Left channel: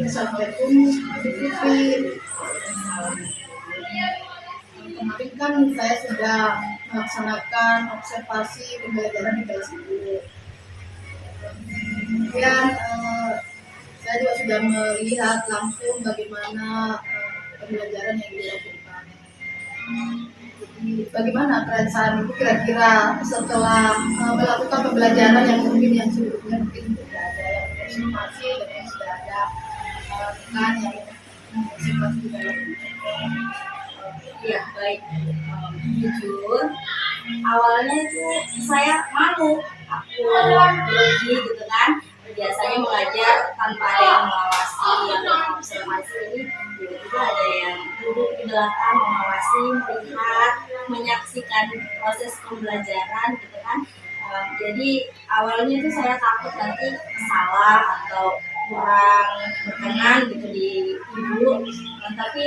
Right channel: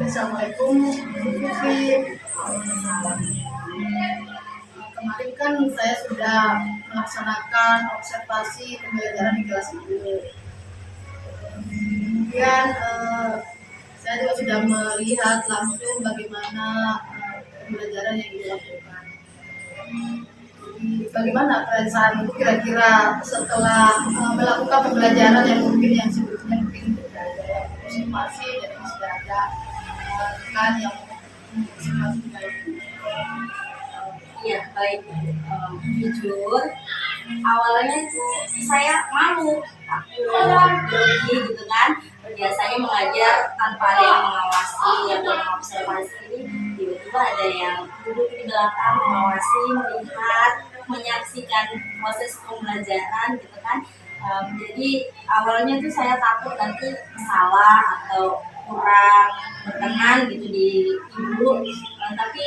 Assalamualaikum, Bu Fitri. Kemarin kan saya sudah melaksanakan observasi pembelajaran di kelas ibu. Kemudian saya juga sudah melihat langsung bagaimana pembelajaran yang dilakukan. Jadi bagaimana perasaan Ibu kira-kira setelah melakukan pembelajaran yang mungkin yang sebelumnya mungkin sudah ada yang observasi dan yang sudah ada rekan yang observasi di dalam. Iya, baik. Jujur, awalnya itu saya malu, takut grogi gitu kan. Biasanya mengajar tanpa ada yang mengawasi atau mengobservasi, ini tiba-tiba ada yang duduk di belakang mengawasi, melihat, menyaksikan proses pembelajaran gitu kan. Jadi awalnya itu saya takut nanti salah atau kurang berkenan gitu di ibu. Tapi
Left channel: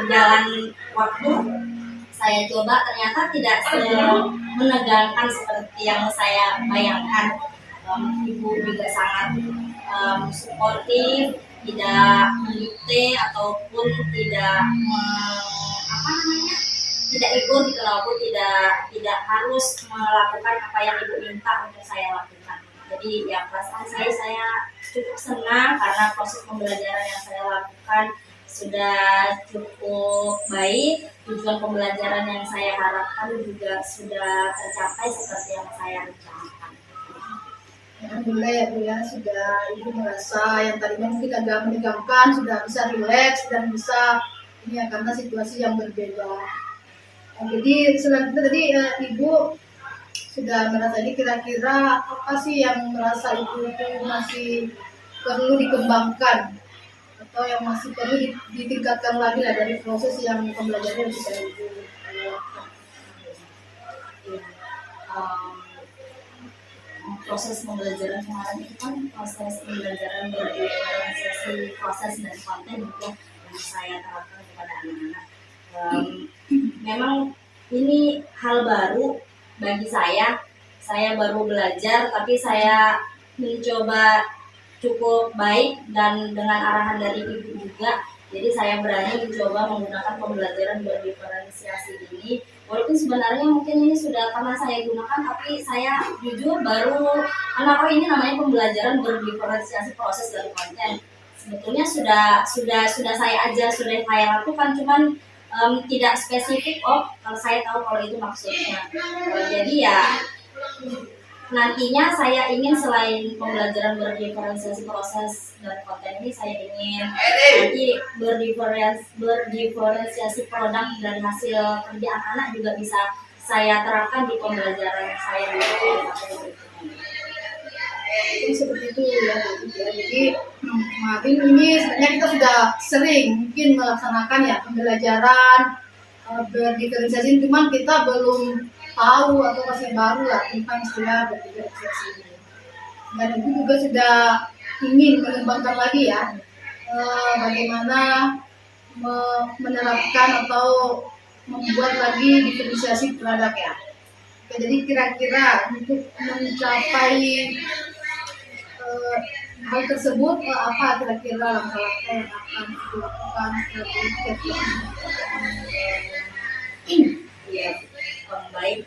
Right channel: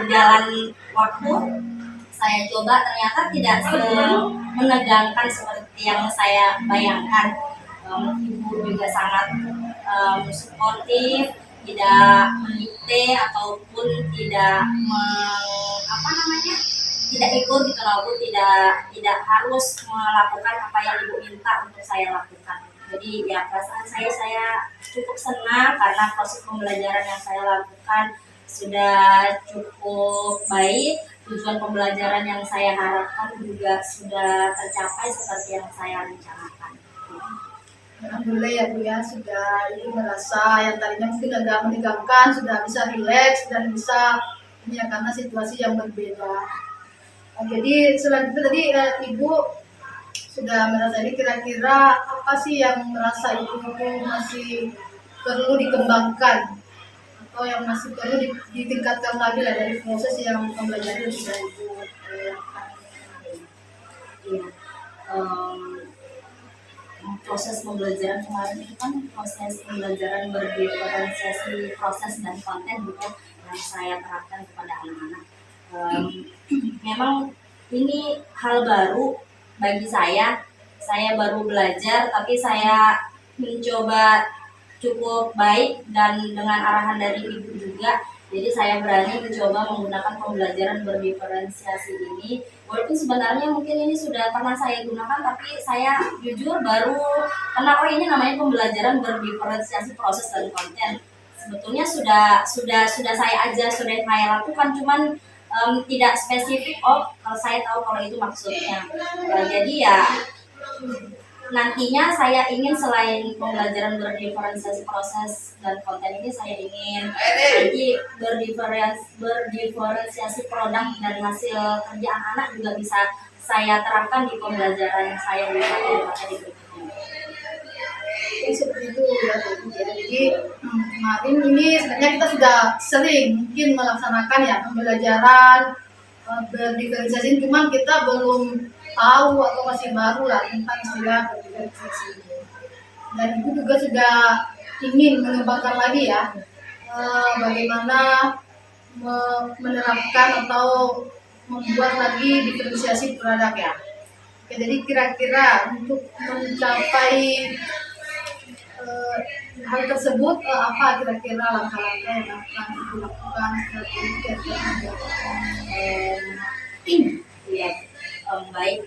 berjalan waktu saya coba, ternyata tidak menegangkan seperti yang saya bayangkan. Ibu juga sangat suportif, tidak mendikte ataupun tidak tidak ikut gitu loh, Bu, tidak harus melakukan apa yang ibu minta untuk saya lakukan. Jadi ya perasaan saya cukup senang karena proses pembelajaran yang saya lakukan sudah cukup baik, tujuan pembelajaran yang saya harapkan juga sudah tercapai seperti yang saya rencanakan. Alhamdulillah ya Bu ya, sudah Ibu merasa yang tadinya mungkin agak menegangkan sudah bisa rileks dan bisa ini ya karena situasi yang berbeda. Jadi selanjutnya tadi Ibu sudah merasa ini, kira-kira apa sih yang merasa Ibu itu masih perlu dikembangkan atau yang masih perlu ditingkatkan lagi lah dari proses yang pembelajaran yang sudah Ibu lakukan? Ya, proses pembelajaran kemarin itu kan proses pembelajaran berdiferensiasi proses dan konten gitu yang saya terapkan kepada anak-anak. Memang ini hal baru bagi saya baru belajar, tapi saya mencoba cukup baik dan dengan arahan dari ibu juga. Jadi saya berani mencoba menggunakan pembelajaran berdiferensiasi ini. Walaupun sebenarnya mungkin ini sudah pernah saya gunakan, tapi saya jujur baru kenapa ini namanya pembelajaran berdiferensiasi proses dan konten. Sebetulnya sudah saya ajar, sudah saya lakukan, cuman tidak spesifik. Kalau saya tahu kalau itu maksudnya. Jadi ya nantinya saya ingin selain pembelajaran berdiferensiasi proses dan konten ini, saya ingin nanti berdiferensiasi produk dan hasil kerja anak-anak juga bisa saya terapkan di pembelajaran saya di materi berikutnya. Jadi seperti itu ya Bu ya. Jadi kemarin ini sebenarnya kita sudah sering mungkin melaksanakan ya pembelajaran berdiferensiasi, cuman kita belum tahu atau masih baru lah tentang istilah berdiferensiasi ini. Dan Ibu juga sudah ingin mengembangkan lagi ya bagaimana menerapkan atau membuat lagi diferensiasi produk ya. Oke, jadi kira-kira untuk mencapai hal tersebut apa kira-kira langkah-langkah yang akan dilakukan strategi Ya, baik.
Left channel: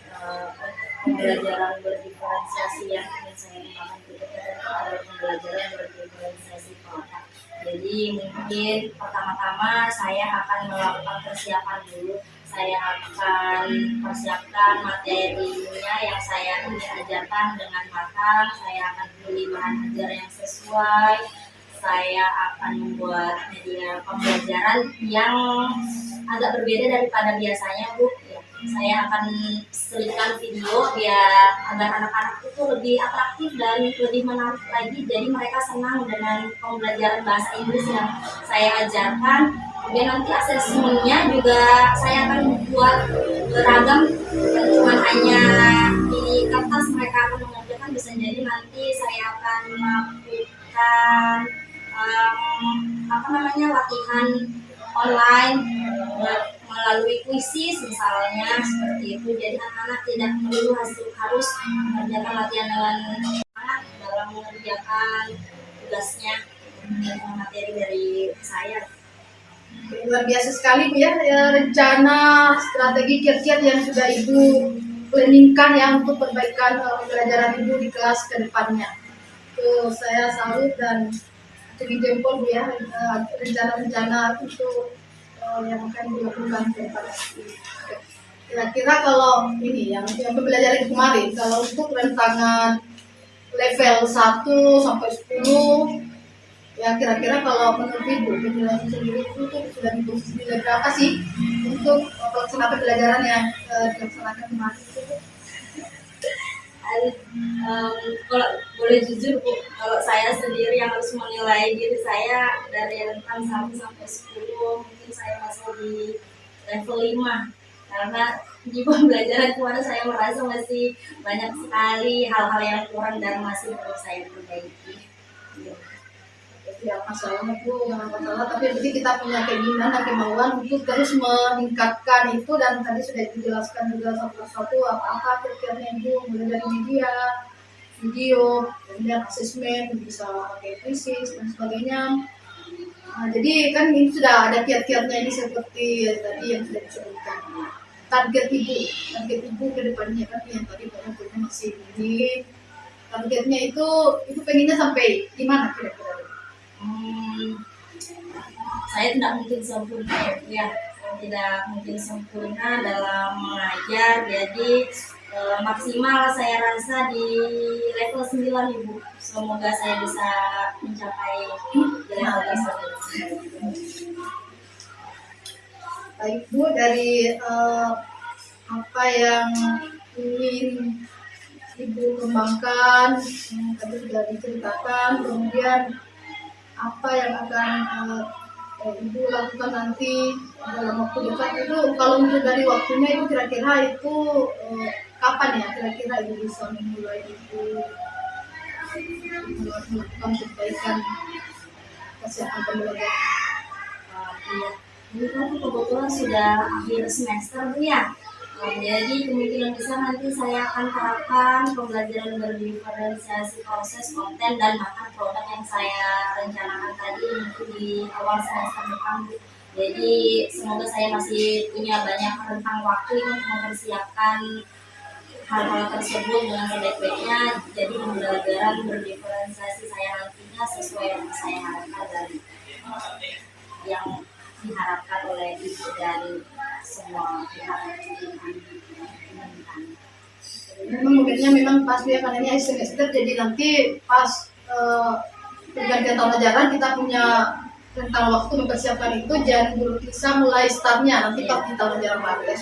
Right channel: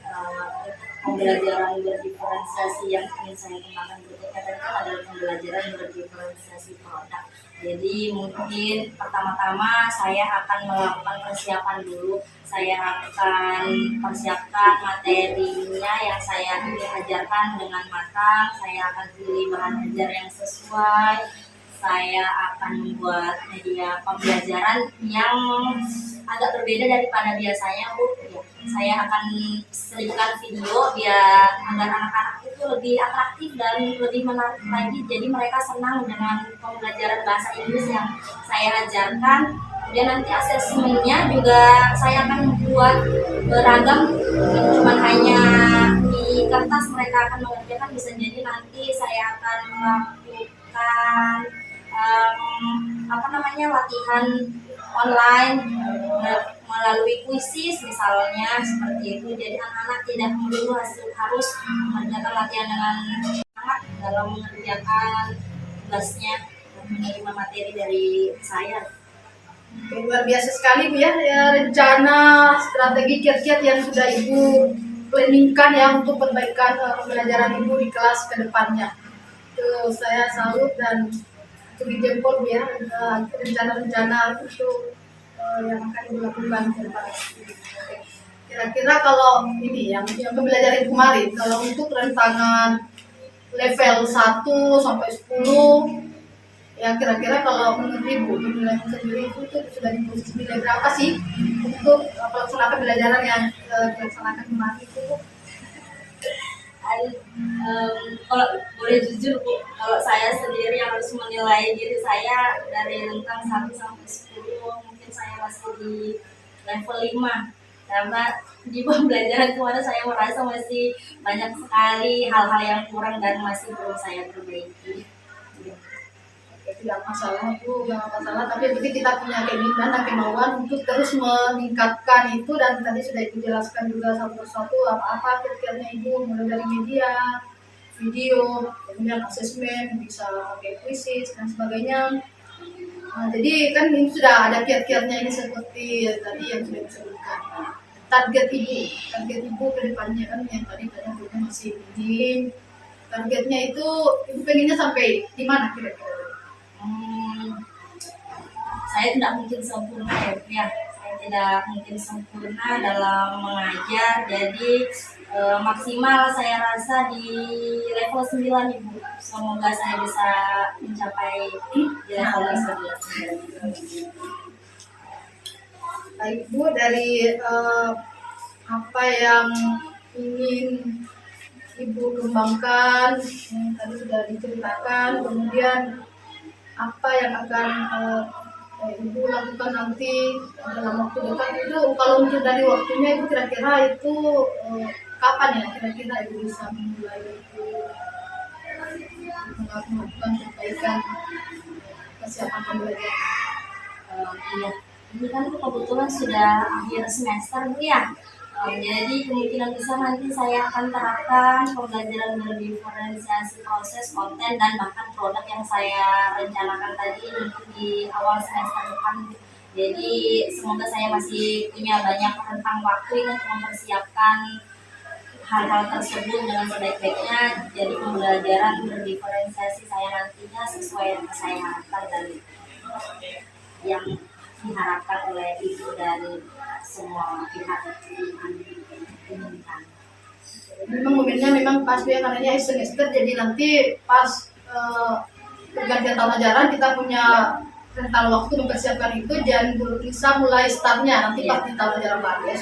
Pembelajaran berdiferensiasi yang ingin saya gunakan berikutnya adalah pembelajaran berdiferensiasi produk. Jadi mungkin pertama-tama saya akan melakukan persiapan dulu. Saya akan persiapkan materinya yang saya ingin ajarkan dengan matang. Saya akan pilih bahan ajar yang sesuai. Saya akan membuat media pembelajaran yang agak berbeda daripada biasanya, Bu. Saya akan selipkan video biar agar anak-anak itu lebih atraktif dan lebih menarik lagi. Jadi mereka senang dengan pembelajaran bahasa Inggris yang saya ajarkan. Kemudian nanti asesmennya juga saya akan buat beragam, bukan cuma hanya di kertas mereka akan mengerjakan, bisa jadi nanti saya akan melakukan latihan online melalui kuisis misalnya, seperti itu. Jadi anak-anak tidak melulu harus mengerjakan latihan dengan semangat dalam mengerjakan tugasnya. menerima materi dari saya. Oke, luar biasa sekali Bu ya, rencana strategi kiat-kiat yang sudah Ibu planningkan ya untuk perbaikan pembelajaran Ibu di kelas ke depannya. Itu saya salut dan acungi jempol Bu ya, rencana-rencana itu yang akan Ibu lakukan ke depan. Oke. Kira-kira kalau ini yang pembelajaran kemarin, kalau untuk rentangan level 1 sampai 10, ya kira-kira kalau menurut Ibu penilaian sendiri itu tuh sudah di posisi nilai berapa sih untuk pelaksanaan pembelajaran yang dilaksanakan kemarin itu Bu? Kalau boleh jujur Bu, kalau saya sendiri yang harus menilai diri saya dari rentang 1 sampai 10, mungkin saya masih di level 5, karena di pembelajaran kemarin saya merasa masih banyak sekali hal-hal yang kurang dan masih belum saya perbaiki. Tidak masalah Bu, jangan masalah, tapi jadi kita punya keinginan dan kemauan untuk terus meningkatkan itu, dan tadi sudah dijelaskan juga satu persatu apa-apa kira-kiranya Ibu, mulai dari media, video, kemudian asesmen, bisa pakai kuisis dan sebagainya. Nah, jadi kan ini sudah ada kiat-kiatnya ini seperti tadi yang sudah disebutkan. Target Ibu ke depannya kan yang tadi banyak masih minim. Targetnya itu Ibu pengennya sampai di mana kira-kira? Saya tidak mungkin sempurna ya, saya tidak mungkin sempurna dalam mengajar, jadi maksimal saya rasa di level 9 Ibu. Semoga saya bisa mencapai di level tersebut. Baik Bu, dari apa yang ingin Ibu kembangkan yang tadi sudah diceritakan, kemudian apa yang akan Ibu lakukan nanti dalam waktu dekat itu, kalau untuk dari waktunya itu kira-kira itu kapan ya kira-kira Ibu bisa memulai itu melakukan perbaikan kesiapan pembelajaran? Iya, ini kan kebetulan sudah akhir semester Bu ya. Jadi kemungkinan besar nanti saya akan terapkan pembelajaran berdiferensiasi proses, konten, dan bahkan produk yang saya rencanakan tadi mungkin di awal semester depan. Jadi semoga saya masih punya banyak rentang waktu untuk mempersiapkan hal-hal tersebut dengan sebaik-baiknya. Jadi pembelajaran berdiferensiasi saya nantinya sesuai yang saya harapkan dan yang diharapkan oleh Ibu dan semua pihak inginkan. Memang momennya memang pas ya, karena ini akhir semester, jadi nanti pas pergantian tahun ajaran kita punya rentang waktu mempersiapkan itu, dan bisa mulai startnya nanti pas di tahun ajaran baru ya.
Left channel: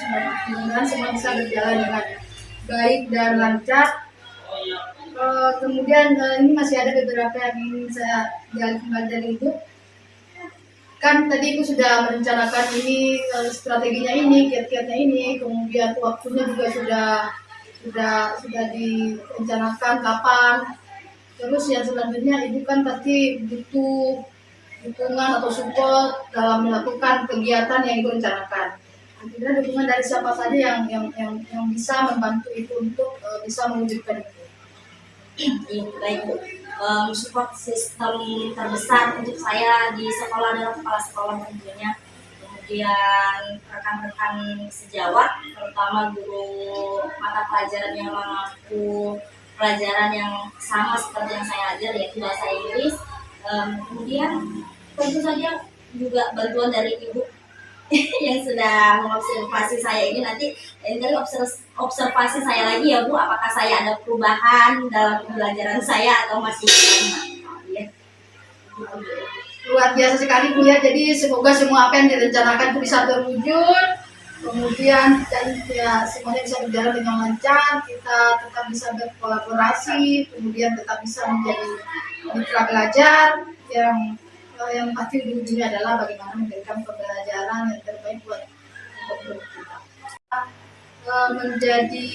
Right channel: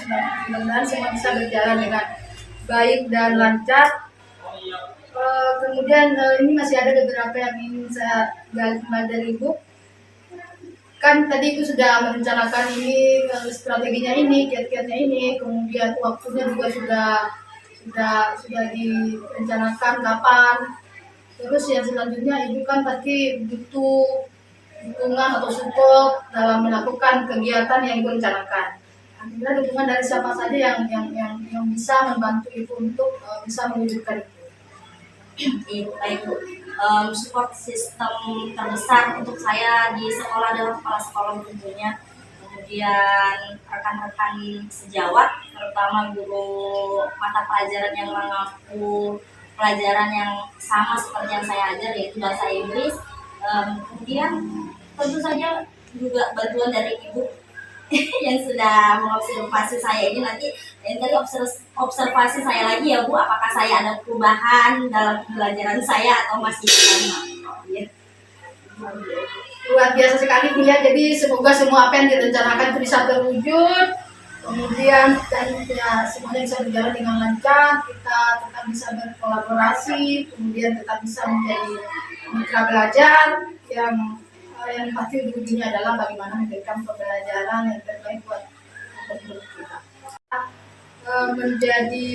Mudah-mudahan semua bisa berjalan dengan baik dan lancar. Kemudian ini masih ada beberapa yang ingin saya gali kembali dari Ibu. Kan tadi Ibu sudah merencanakan ini, strateginya ini, kiat-kiatnya ini, kemudian waktunya juga sudah direncanakan kapan. Terus yang selanjutnya Ibu kan pasti butuh dukungan atau support dalam melakukan kegiatan yang Ibu rencanakan. Kira-kira dukungan dari siapa saja yang bisa membantu Ibu untuk bisa mewujudkan itu? Baik Bu, support sistem terbesar untuk saya di sekolah adalah kepala sekolah tentunya, kemudian rekan-rekan sejawat, terutama guru mata pelajaran yang mengaku pelajaran yang sama seperti yang saya ajar, yaitu bahasa Inggris. Kemudian tentu saja juga bantuan dari Ibu yang sudah mengobservasi saya ini. Nanti kali observasi saya lagi ya Bu, apakah saya ada perubahan dalam pembelajaran saya atau masih sama. Ya. Luar biasa sekali Bu ya, jadi semoga semua apa yang direncanakan itu bisa terwujud, kemudian dan ya semuanya bisa berjalan dengan lancar, kita tetap bisa berkolaborasi, kemudian tetap bisa menjadi mitra belajar yang pasti ujung-ujungnya adalah bagaimana memberikan pembelajaran yang terbaik buat guru kita. Menjadi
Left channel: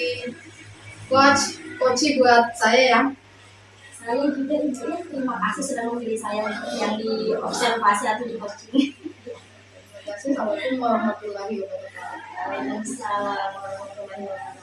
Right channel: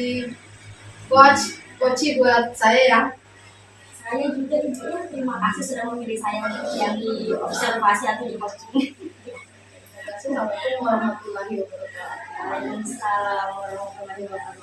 coach buat saya ya. Saya juga Ibu ya, terima kasih sudah memilih saya yang diobservasi atau di coaching. Terima kasih. Assalamualaikum warahmatullahi wabarakatuh. Waalaikumsalam warahmatullahi wabarakatuh.